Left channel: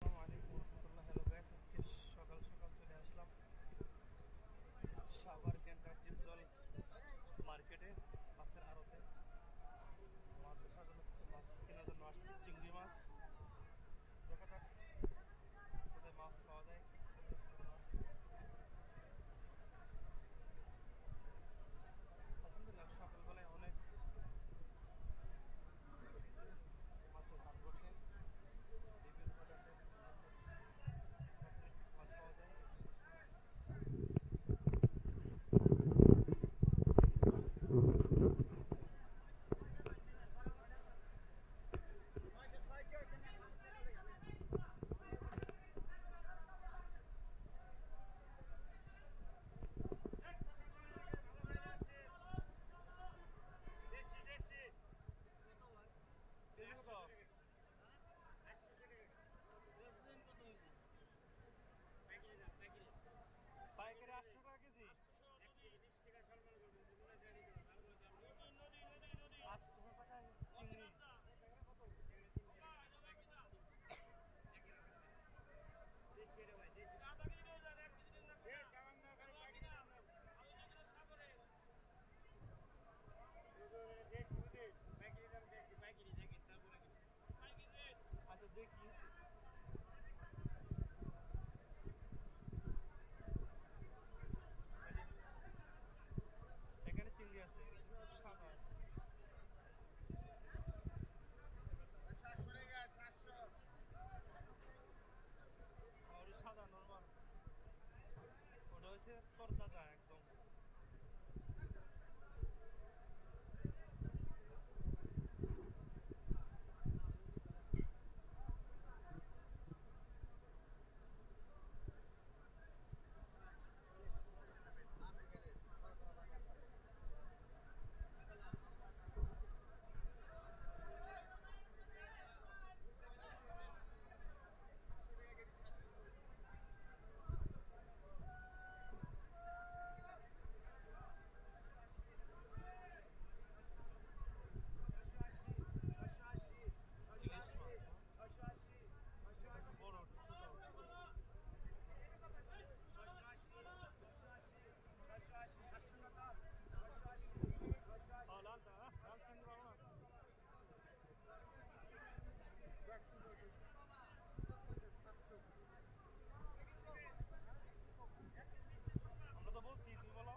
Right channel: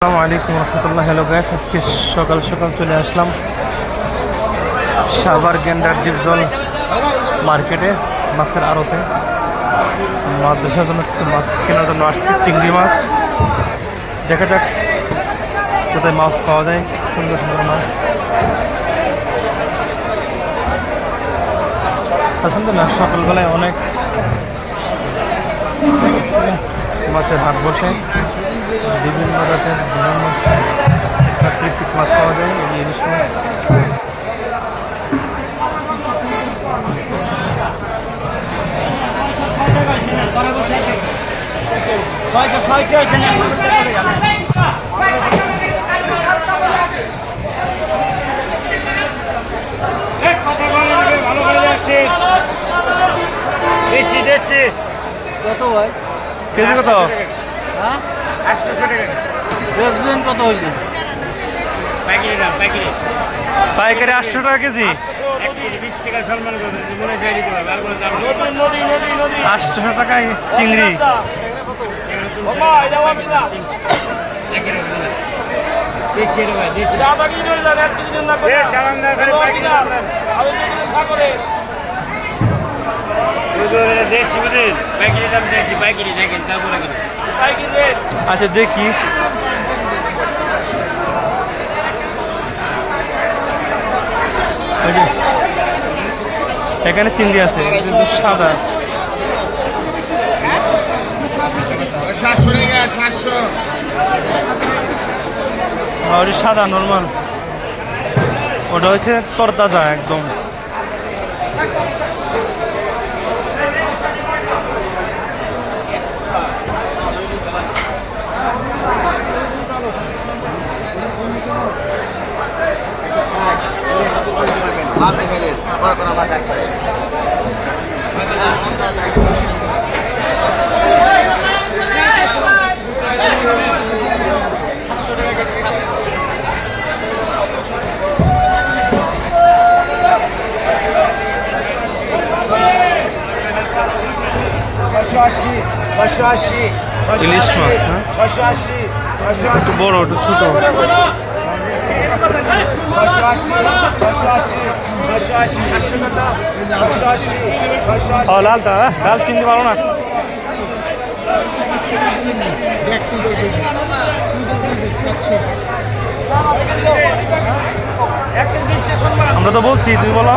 আসসালামু আলাইকুম রহমতুল্লাহ। Hello guys, আজকে সকাল সকাল চলে আসলাম সাভার গেন্ডার ডিপজল মার্কেটে, মাছের আড়তে মাছ দেখার জন্য কিছু মাছ কেনার জন্য আসছি। চিংড়ি মাছ, দেখা যাক কোথায় মাছ পাওয়া যায়, সুন্দর সুন্দর মাছ। আসলে না, সকালবেলায় অনেক মাছের হাট বসে, বিভিন্ন জাতের বিভিন্ন প্রাকৃতিক মাছ পাওয়া যায়। ইলিশ মাছ, দেশি দেশি কত ভাই? কেজি কত? হ্যাঁ, 800 টাকা বেচবেন কত হইছে? পাইকারি দাম পাইকারি পাইকারি 800 টাকা কেজি। 20 টাকা সম্মান করবেন মনে চাই দিতে পারবে আর কোনো দাম নদী নদী নদী নদী 800 টাকায় চিংড়ি। বাবা এটা আমি না দেশি রে ভাই দেশি দাদা কি করে জানেন আর কিছু না করে চালান না করে পাইকারি দাম আমি তো সাগরে দেশি বুঝেন পাইকারি দাম দেখি পাইকারি দেখেন তারপরে পাইকারি রেট। আচ্ছা দেখি, ওই যে এখানে চিংড়ি আছে কিন্তু সাদা। 700 টাকা 700 আর ওই সাদা নর্মাল, ওটা হচ্ছে তরতাজা একদম। ইলিশ মাছ, হ্যাঁ? একটু বড়, একটু ছোট। 680 লালটা, লাল চিংড়ি ভালো না। আমরা তো বলছি, তুমি বলো।